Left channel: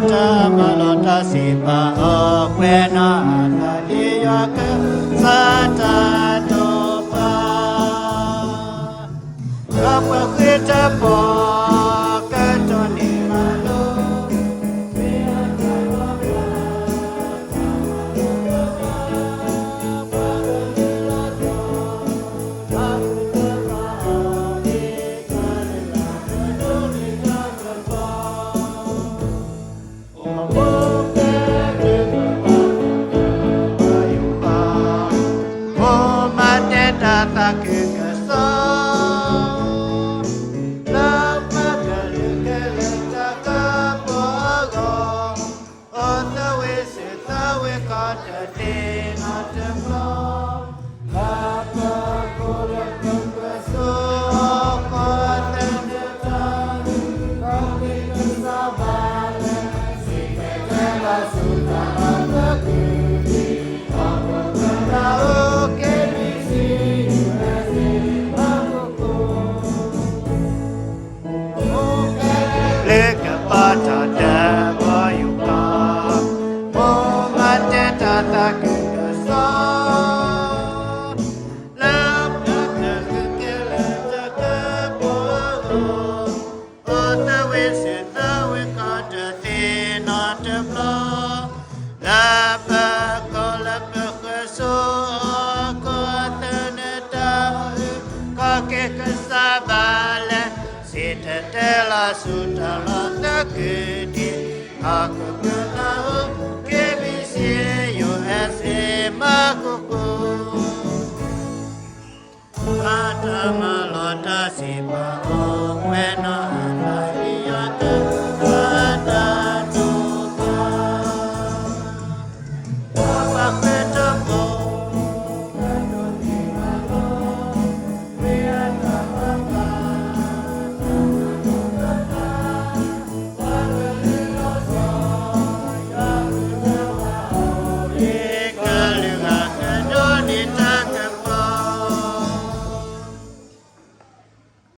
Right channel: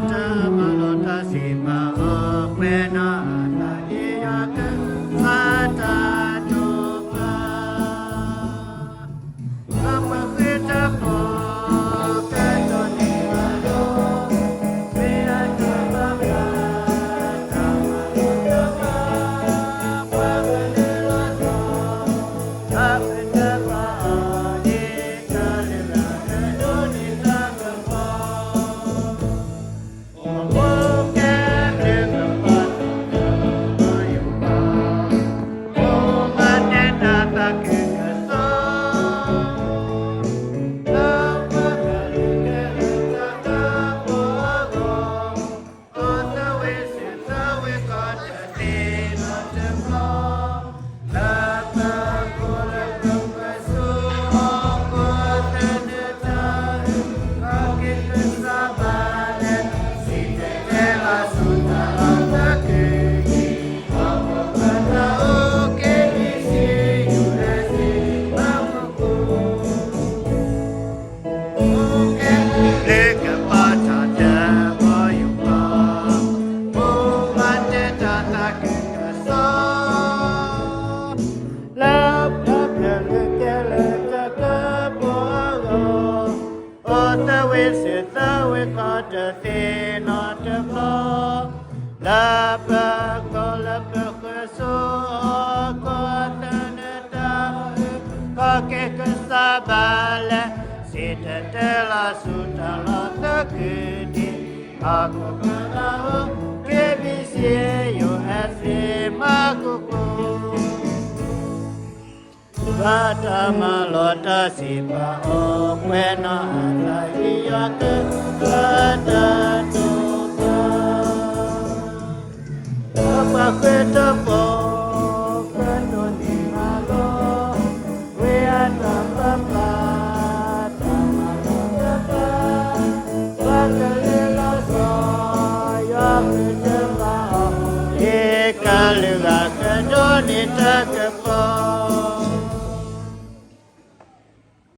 ta ma lo ta si pa o que na ta di yo ke sa ta do pa la pa se ta po ke to ni ma lo me a ta ma la pa ko la pa so ko teneta ka ke sa bale sita te la su ta la ta ke di aku kena ke bisi USA ma ku ku ta ma lo ta si pa o we na